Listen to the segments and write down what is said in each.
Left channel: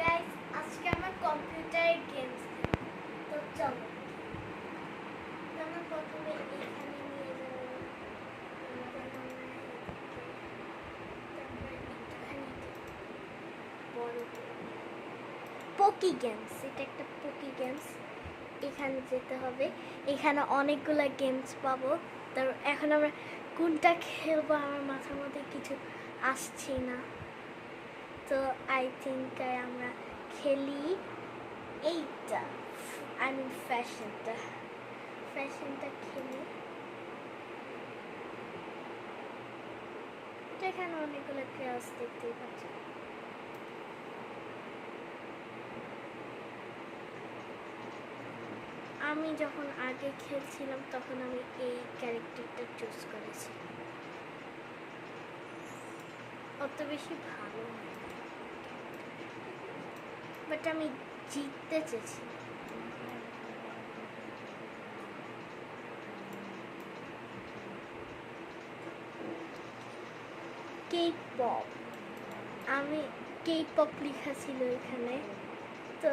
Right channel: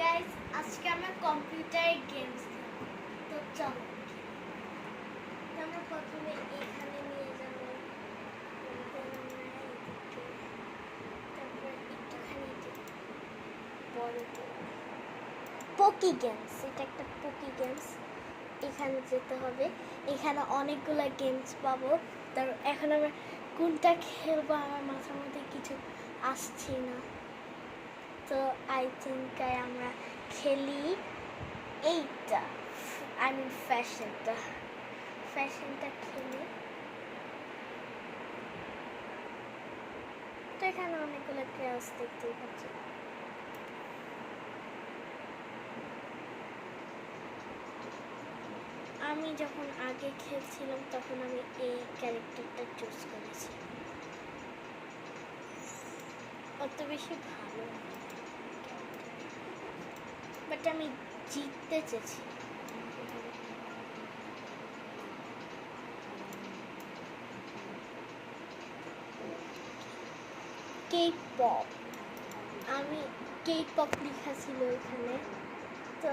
Guys, আজকে আমরা কম্পিউটারে গেমস তো চলো আমরা প্রথমে এখানে নিয়ে যাব, তারপর একটুখানি বড় পকি গেমস। এটা একটা পকি গেমস, এখানে যেতে হবে। এখানে অনেকগুলো গেমস পাবো। তারপর এখন আমরা কোনটা খেলবো আমার মাথার মধ্যে কিছু আসছে না, তো আই থিঙ্ক আমরা খেলি এইটা, আই মিন ফ্যাশনটা খেলি। তো এখানে অনেকগুলো ক্লাস দেখতেই পাচ্ছি। আমি যখন আগে খেলছিলাম তখন আমি এই ক্যারেক্টারটা চুজ করেছি। অত বেশি ভালো না, বাট আমি জিততে চেয়েছি। K-pop, আমি K-pop লেখা ছিল এখানে। তো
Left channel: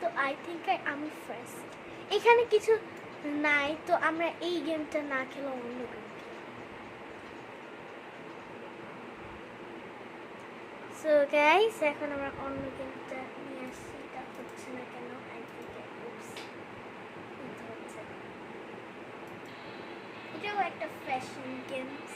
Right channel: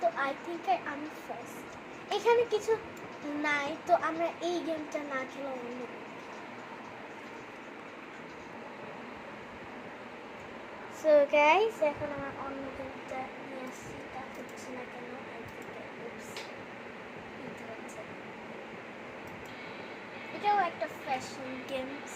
তো আই থিঙ্ক আমি ফার্স্ট। এখানে কিছু নাই, তো আমরা এই গেমটা না খেলে অন্য গেম। সো গাইস, এখন আমরা অন্য গেমটা নিয়ে আসছি। এটা হচ্ছে না কেন, আই থিঙ্ক এটাও একটা ফ্যাশন গেমস।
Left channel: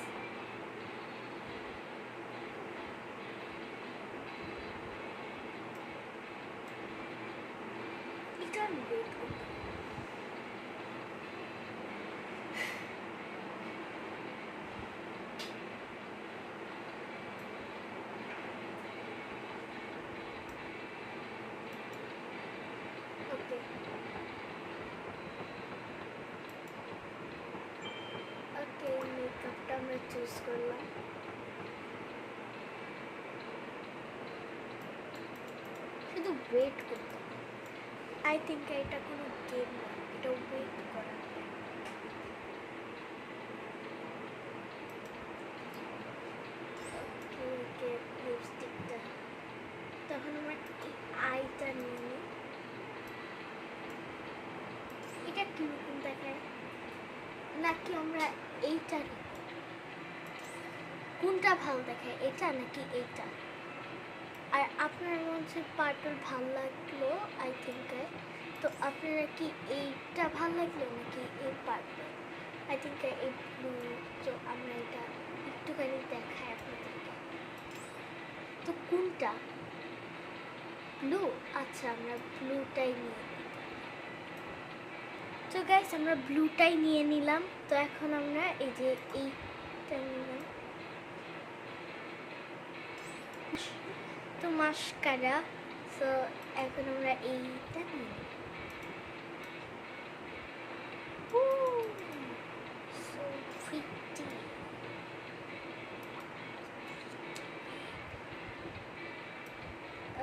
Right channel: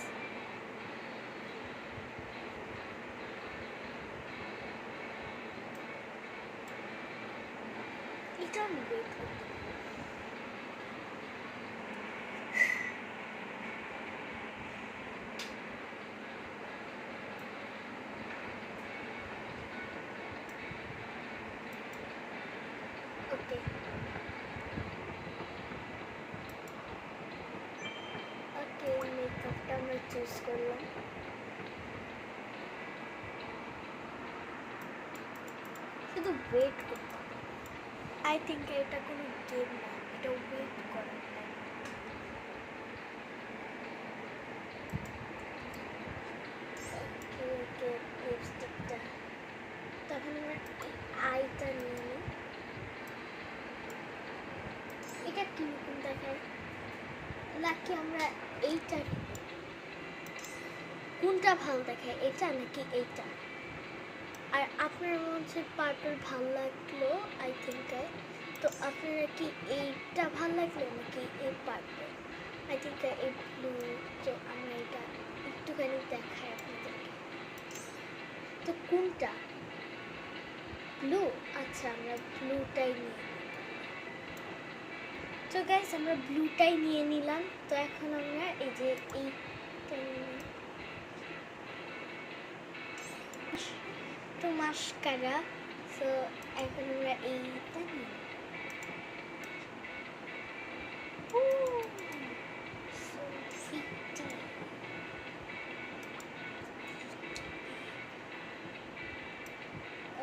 এটা আমি ওয়েট করতে ওকে ওকে মেকআপটা আমরা চুজ করলাম। শুধু ওয়েট করতে হবে। আই থিঙ্ক এটা কোনো গেম না, এটা ওয়েট করার টাইম। ওকে ওকে লিপস্টিকটা, তখন আমরা এই আইটা নিয়ে নিই। এটা কিরকম দেখায়, নাকি আমরা এইটা, কোনটা ভালো দেখায়, এটা নাকি এইটা? আর আপনার মধ্যে পার্পল ভালো লাগলো আই থিঙ্ক। তো আপনারা কি এইটা ভালো লাগলো নাকি এই পার্পল? আই থিঙ্ক এই ব্লু। তো আমরা এটা একটুখানি দেখাই আপনাদেরকে। তো কোনটা? ব্লু। আচ্ছা, আমরা ব্লুটাই নিয়ে নিই। তো গাইস, আমরা ব্লুটাই নিয়ে নিলাম। তো এখন আমরা এই যে এইটা নিলাম, তো মাস্কারা। তো এখন আমরা এইটা নিই। So pretty.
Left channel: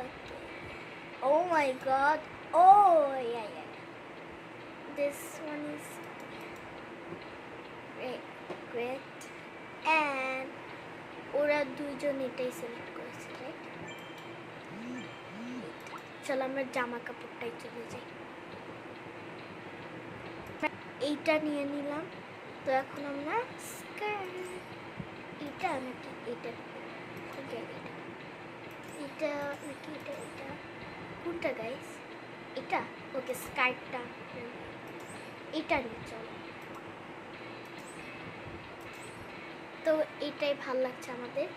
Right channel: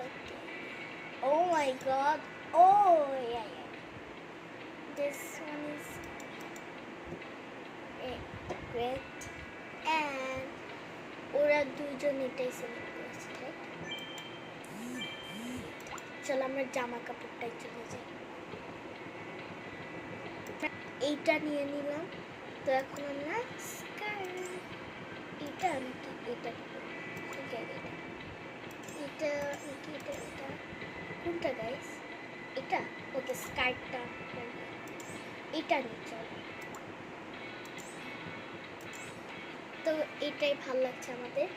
Okay. Oh my god. Oh yeah. This one is great. And ওরা দুজন এটাই সিলেক্ট করেছে, রাইট? চলো আমরা জামা কাপড়টাই চলে যাই। এইটা নিয়ে নিলাম। তো এখন আমরা এটা নাকি এটা, এটা নাকি এটা কোনটা গাইস? এটা ওকে, স্কার্টটা এটা নিয়ে চলো। তো এটাই ভালো লাগছে আমাদের।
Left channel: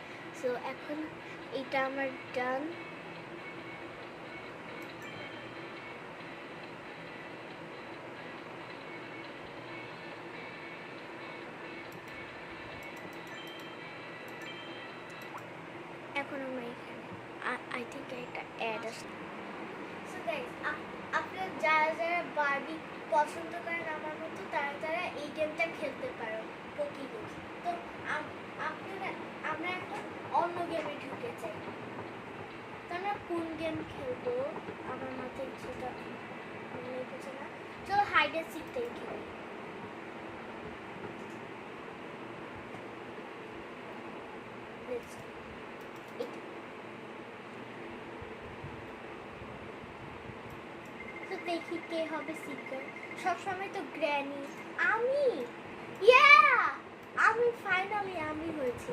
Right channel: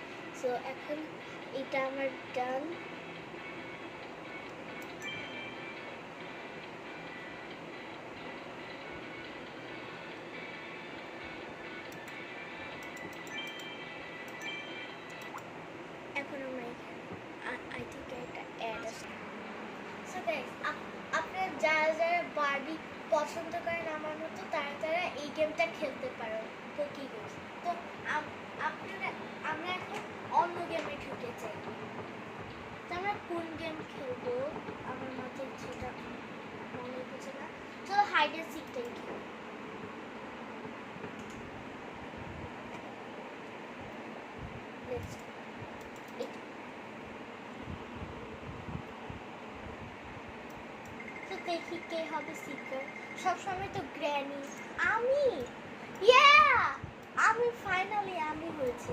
সো এখন এটা আমার ডান। এখন আমরা এখানে আই থিঙ্ক এটা অ্যাড আছে। সো গাইস, আপনারা যারা বারবি পছন্দ করেন আমার মতো, তারা এই গেমটা খেলতে পারো, পকি গেম। তো আমরা এখন অন্য গেমে ঢুকে যাই। তো আমরা কোন গেম খেলবো আমার মাথায় সেটা মনে হচ্ছে না। চলো হাইড অ্যান্ড সিকটাই খেলি। দেখি কে হবে সিকার। সবসময় তো গ্র্যানি। আমি, ইয়া, আমি ফাইনালি আমি হয়েছি।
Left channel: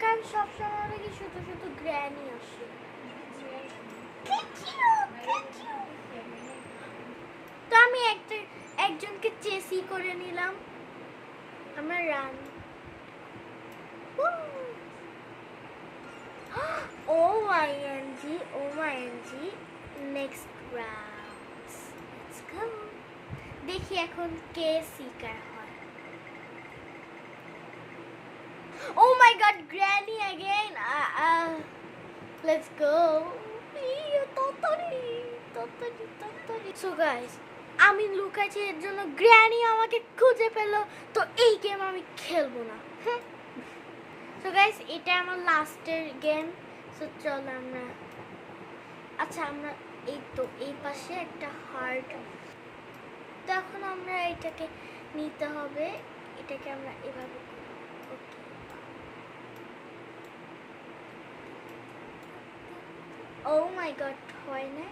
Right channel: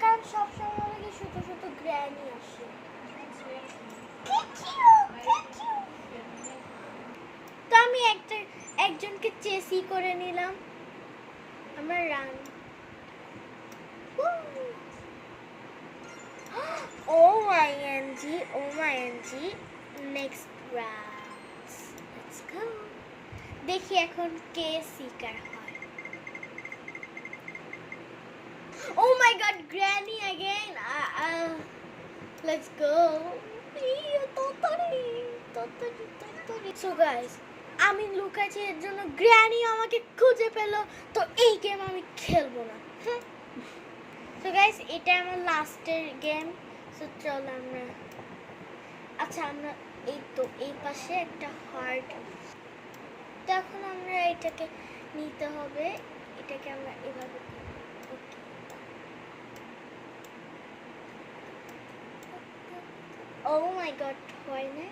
কারণ সবসময় নাকি শুধু শুধু গ্র্যানি আসে। তো আমি একজনকে চেসি করে নিলাম। আমার run. OMG, next round. Let's go. দেখি এখন কে সিকার হয়। Oh my god, Granny again. Let's go. So guys, আমি লুকাচ্ছি এর জন্য গ্র্যানি আমাকে খুঁজে পেল, তো এই গেম আমি খেলবো না। So guys, এটা আমার লাস্টের গেম। সো চলো আমরা, আচ্ছা আমরা এই তো এই পাশে একটা হার্ট, তো এখন আমরা এটাকে নিতে হবে, এটাকে আমরা এভাবে, ওকে ও মাই গড, হয় না,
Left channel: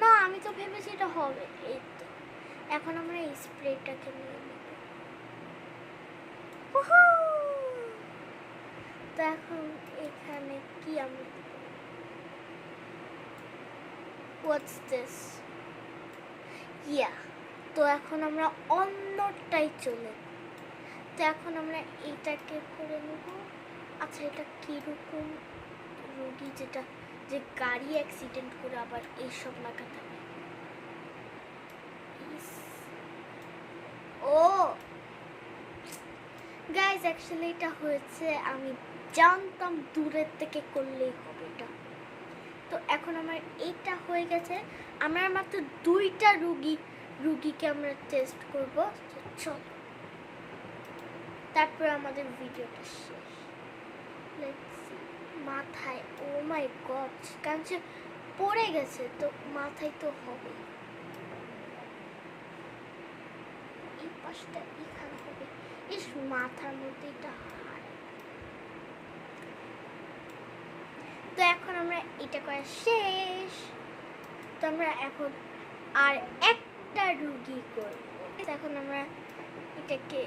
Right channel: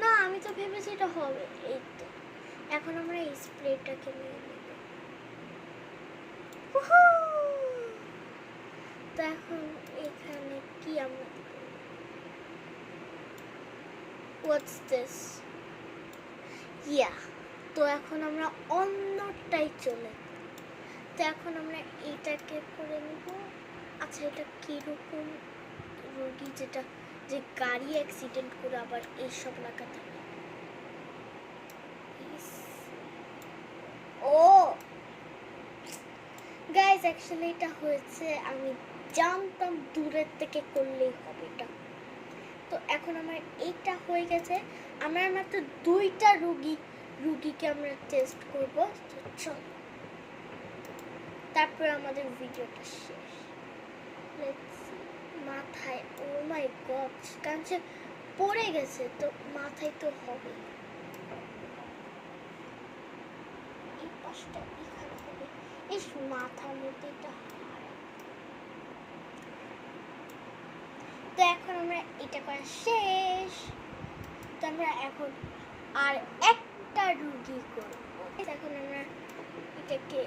না আমি তো ভেবেছি এটা হবে। এই তো এখন আমরা এই স্প্রেটাকে নিয়ে নেব। তো এখন এখানে কি আমরা, হোয়াটস দিস, ইয়া, তো এখন আমরা অন্যটাই চলে, তো এখন আমরা এইটাকে করে নেব। আচ্ছা এটা কিরকম রোগী, যেটা যে গাড়ি অ্যাক্সিডেন্ট করে আবার এইসব লাগাতে হবে। ও গাইজ, অ্যাকচুয়ালি এটা হয়েছে, আমি জানতাম দূরের থেকে করলেই হবে এটা। তো এখন আমার এইটা হয়ে গেছে, আমরা মাত্র 2টা রুগীকে আমরা টেস্ট করব। চল, তারপর আমাদের ভিডিওটা শেষ। মাথায়, ও মাই গড, কারণ সে পড়ে গেছে, তো মাথায় তো হবে। এই পাশটা এখানে হবে, এই মাথার মধ্যে এটা। তো এখন আমরা এটা করা শেষ, তো আমরা এখন আর একটা রুগী করবো। এখন আমরা এটাকে,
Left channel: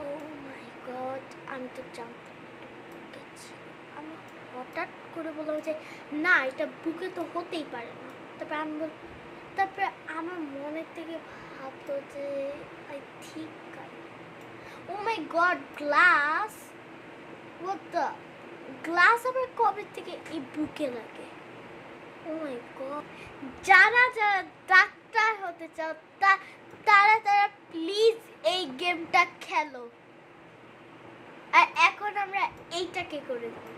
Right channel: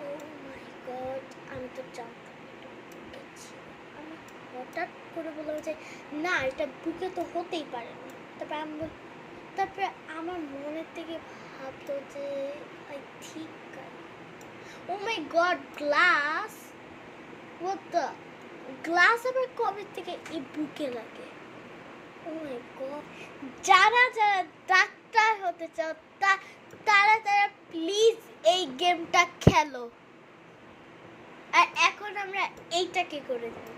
ও মাই গড, আমি তো জানতাম, আমি হঠাৎ করে বললাম যে না এটা বুকে তো হতেই পারে না, তারপরে আমার মনের থেকে ভাবতো যে আই ঠিক, oh my god, glass, what the, glass আবার কবে থেকে এই বুকে লাগে? ও মাই গড, যারা ডাক্তার হতে চাও তারা প্লিজ এই গেমটা খেলো। আর এখন আমরা এইটাকে করে দেব।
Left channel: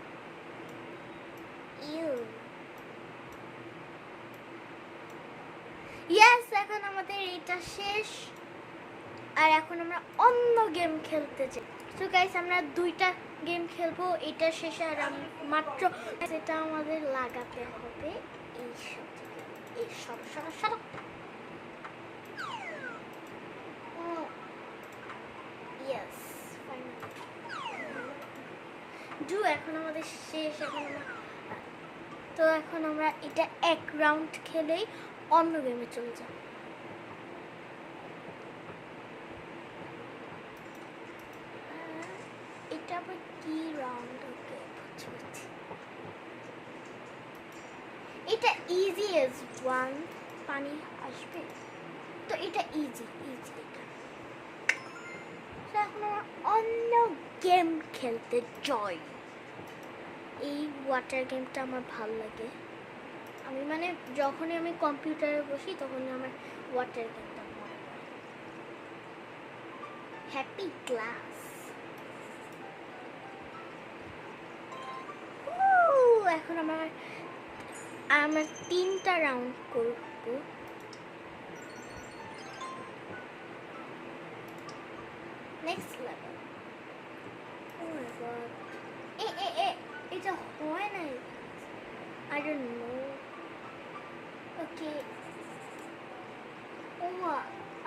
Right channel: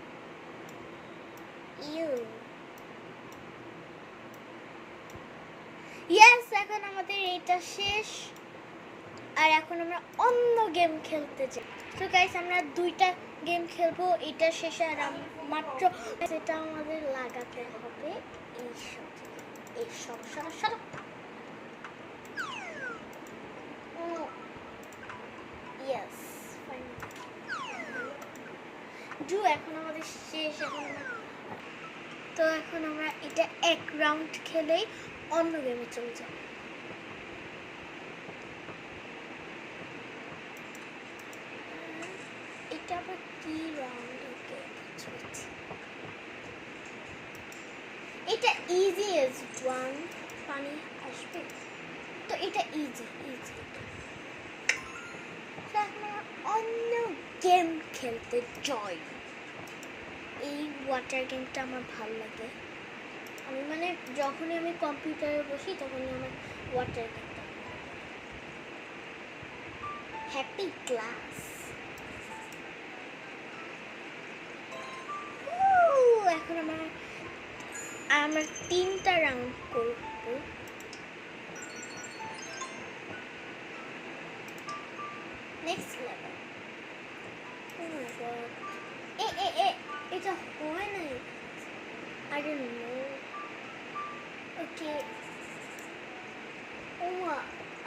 ইয়েস, এখন আমাদের এটা শেষ, আর এখন আমরা অন্য গেম খেলতে যাই। তো গাইস, আমরা 2টা গেম খেলবো এটা শেষে, আর মাত্র সেটা আমাদের লাগাতে হবে এইসব সব। ইয়েস, ফাইনাল ডু, এখন আমাদের শেষ। তো এখন আমরা এটা 1 রাউন্ড খেলেই অন্য গেমে চলে যাব। এটা আবার কি রাউন্ড? ওকে, এটা ইজি এজ 1, পানি আসবে, তো এটা ইজি। এখন অন্য গেম খেলতে জয়। এই ওয়াটার গেমটা আমার ভালো লাগে, আমি মানে যখনই আমি কম্পিউটারে বসি তখনই আমার ওয়াটার গেমটা ভালো লাগে। হ্যাপি ক্লাস, এখন আমার 3টা রাউন্ড করবো। Next level, O my god, এটা হয় নাই, I don't know. Okay.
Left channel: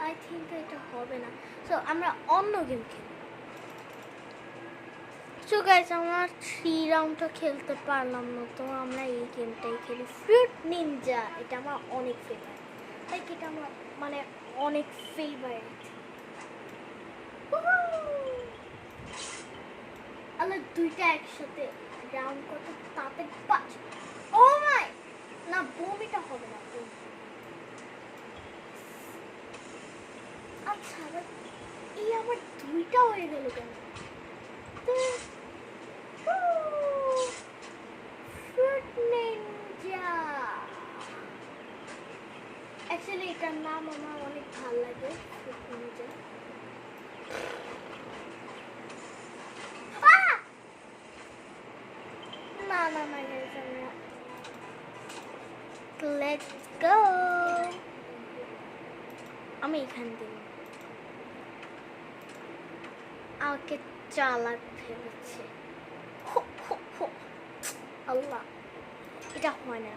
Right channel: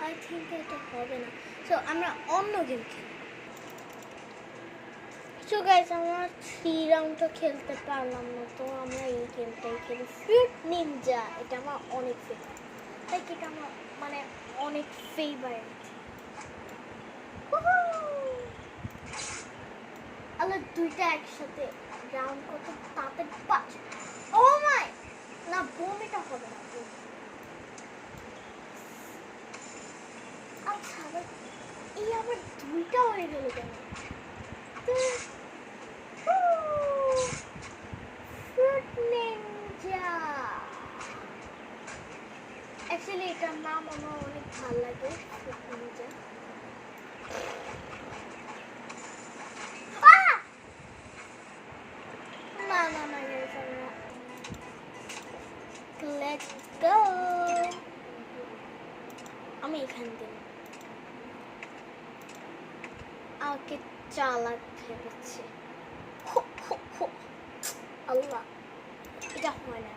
I think এটা হবে না, সো আমরা অন্য গেম খেলি। তো গাইস আমরা 3 রাউন্ডটা খেলতে পারলাম না, তো আমরা এই গেমটাই খেলি, ফ্রুট নিনজা। এটা আমার অনেক ফেভারিট, লাইক এটা আমার মানে অনেক ফেভারিট। আল্লাহ, দুইটা একসাথে রাউন্ড কত তাড়াতাড়ি পাঁচ। ও মাই, না বমিটা হবে না, বমি। আচ্ছা এই আমার দুইটা হয়ে গেল কেন? ফ্রুট নিনজা, অ্যাকচুয়ালি এটার নাম আমার অনেক ভালো লাগে, ফ্রুট নিনজা। না না না গাইস, আমরা লেটস গো। আমি এখান দিয়ে আমাকে চালাক ভেবেছি। আল্লাহ, এটা হয় না।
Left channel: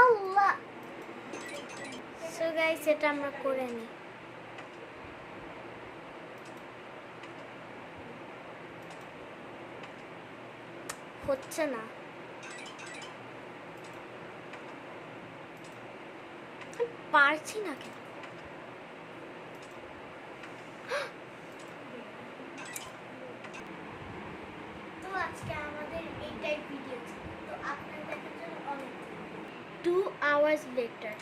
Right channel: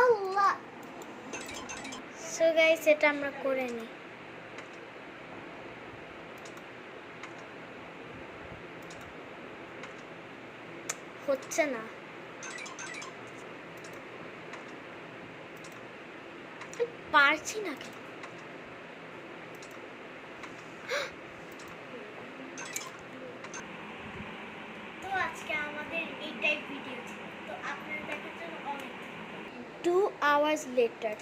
আল্লাহ, সো গাইস এটা আমরা করে নিই। হচ্ছে না, পারছি না কেন? তো আজকে আমাদের এইটাই ভিডিও ছিল, তো আপনারা দেখার জন্য অনেক। 2 hours later,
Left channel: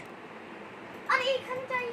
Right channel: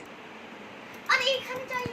আরে এখানে যাই